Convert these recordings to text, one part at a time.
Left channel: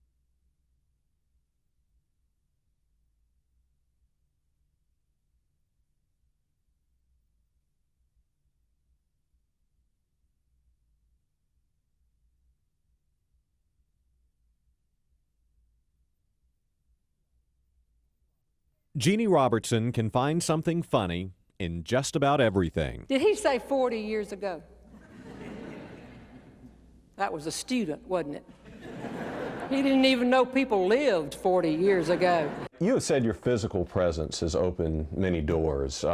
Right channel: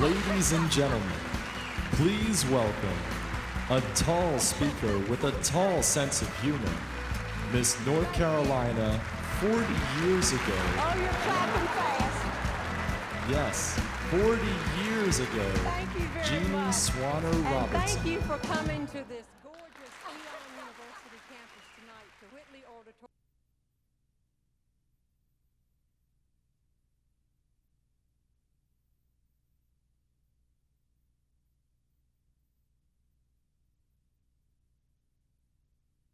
Ladies and gentlemen, please welcome a tall speaker with a tall sense of humor, Miss North Carolina 40 years ago. Oh, you're clapping fast. Yes, 40 years ago. Thank you very Jeanne much. Robertson. Thank you for coming to Jeanne Robertson can find something funny in just about everything. Did he say 40 years ago? That was a student, wasn't it? He didn't even know people lived 40 years ago. You have said your physical presence has opened many doors.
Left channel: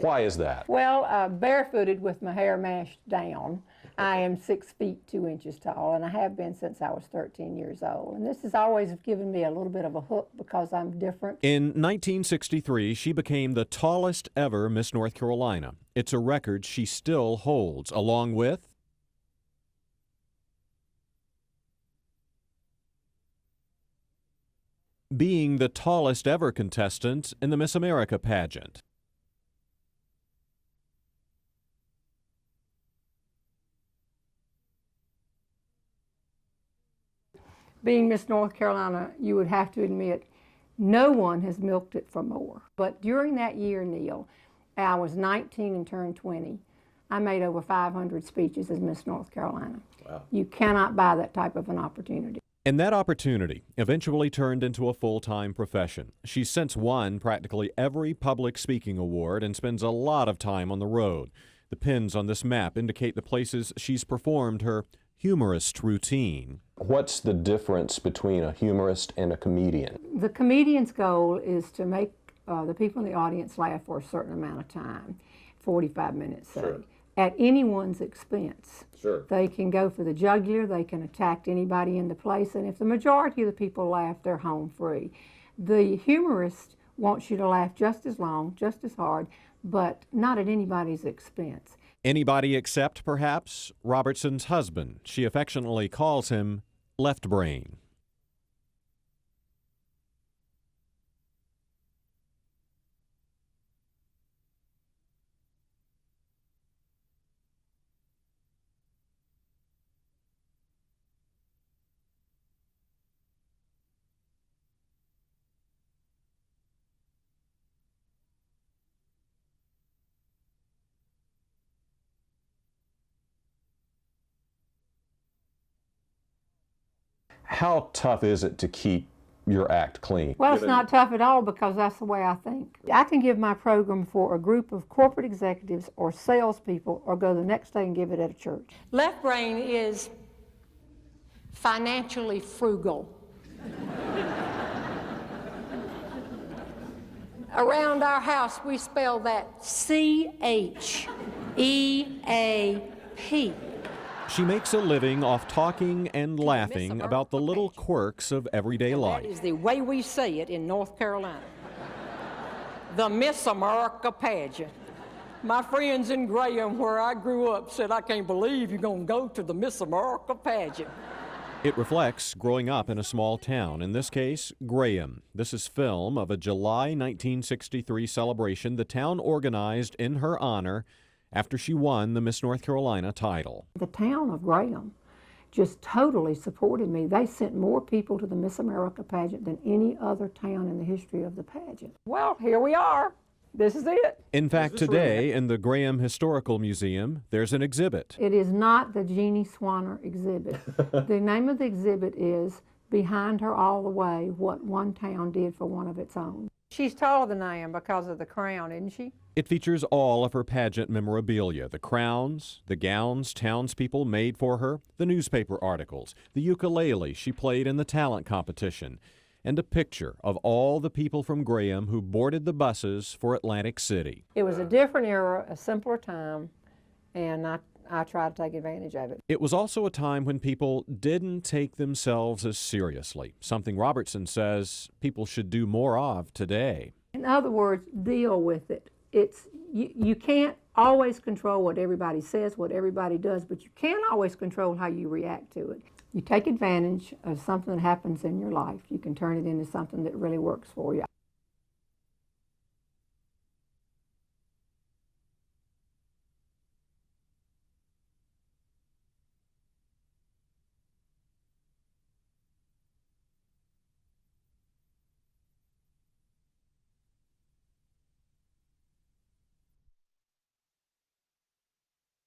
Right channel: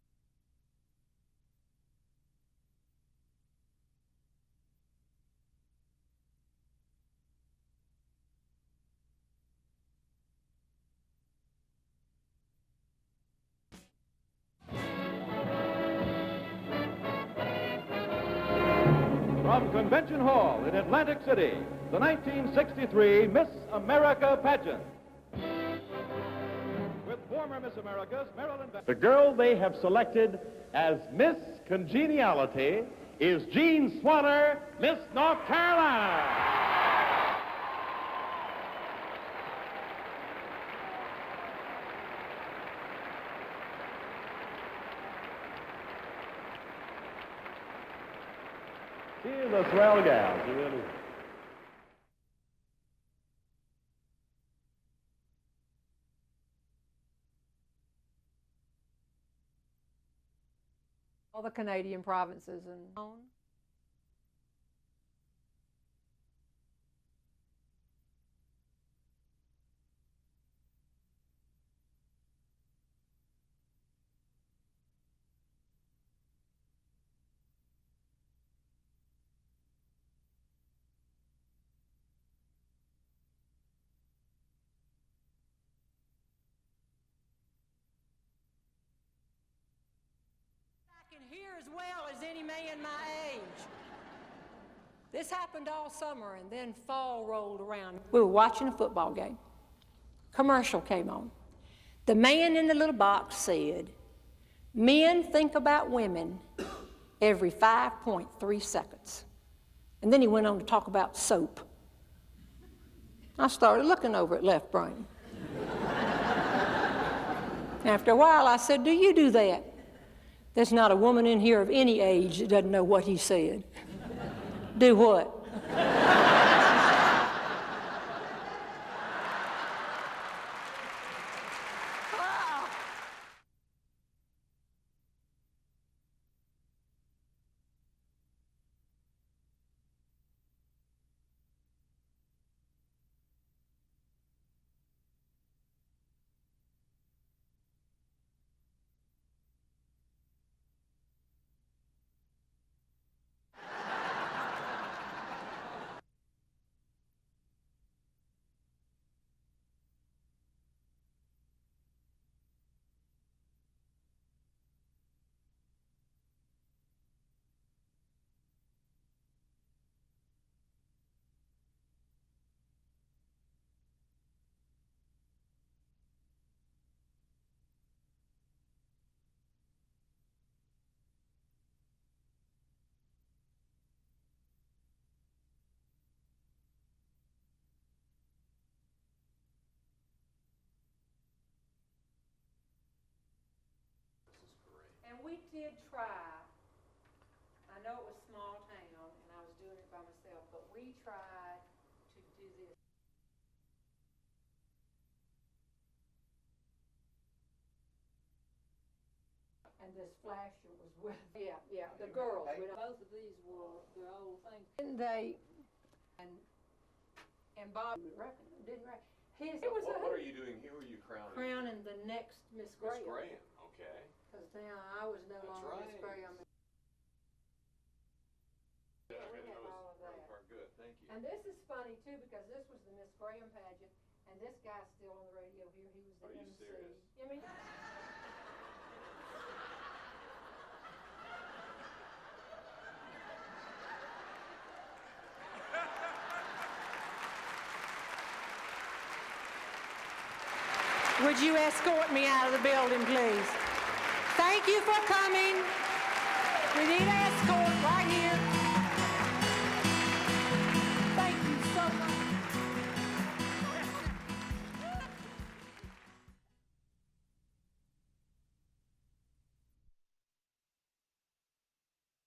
Why is that? Well, barefooted with my hair mashed down. I am 6 feet 2 inches tall, and I have been since I was 13 years old. And this has always given me a little bit of a hook because I'm different. In 1963, she became the tallest ever Miss North Carolina. It's a record she still holds, along with... From Convention Hall in Atlantic City, the 1963 Miss America pageant. being the tallest ever contestant in the Miss America pageant. The girl they have selected as Miss Congeniality is Jeanne Swanner, Miss North Carolina. Being Miss North Carolina, you would have to admit, no one has milked it for more. But during that year, Neill, I was 19 and turned 20. I made over 500 speeches as Miss North Carolina. You cannot buy that type of an opportunity. And that opportunity eventually turned into a full-time profession. She's since won practically every public speaking award and spends a lot of time on the road. The pins on this map indicate the places she's performed her humorist routine. What's the difference between a humorist and a comedian? The comedian's goal is to make the people in the audience laugh for a certain amount of time, 45 minutes, say, at anyone's expense. Sure. They can go for the jugular, they can attack anybody in the place, and if the majority of the people laugh, they're home free. The humorist wants you to laugh just as long, just as hard, but not at anybody's expense. Anybody except, perhaps, Robertson's husband. She affectionately calls him Left Brain. We were watching a football game. Commercial came on. The man in the little box said, "Men think about women every 5.3 seconds. And then he went on to talk about soap. I started looking over at Left Brain. After a while, I said, "Do you do that?" There's not a woman in here of any age that doesn't know what he said. Do what? How tough is it to keep your act clean? Well, it's not tough at all because that's the way I think. I can give my program for a group of corporate executives or salespeople or go the next day and give it at a church. Left Brain is financially frugal. Around our house, we spell that C-H-E-A-P. She makes a living off talking and laughing about the little quirks of everyday life. That is the way we say it in North Carolina. The Miss America pageant. My friends in Graham, where I grew up, said, "I can't believe you're going to go to the Miss America pageant." It reflects growing up in a small town, in this case, Graham. This is film of a July 1963 celebration the town organized in her honor after she won the Miss North Carolina title. The town of Graham just totally supported me. They sent more people to the Miss America pageant than any other town in the history of the pageant. Well, here we are. This is it. In fact, today in the Graham Historical Museum, there's an exhibit. It is not the Jeanne Swanner exhibit. The name of the exhibit is Behind Her All the Way, What One Town Did for One of Its Own. She's taller than I am because of the crown, isn't she? It features all of her pageant memorabilia, the crowns, the gowns townspeople made for her, the newspaper articles, the ukulele she played in the talent competition, and a picture of all the people from Graham who boarded the buses for Atlantic City. It was a different era, a simpler time, and I tried to take advantage of it. It was also a time when people didn't take themselves as seriously, something Robertson says people should do more of today. In other words, deal with it. You can't always control what everybody says, what everybody does, but you can always control how you react to it. You take advantage of something that happens in your life. You can turn it into something that really works for you. Would you escort me out of the building, please? Thank you for coming. We need an escort right here.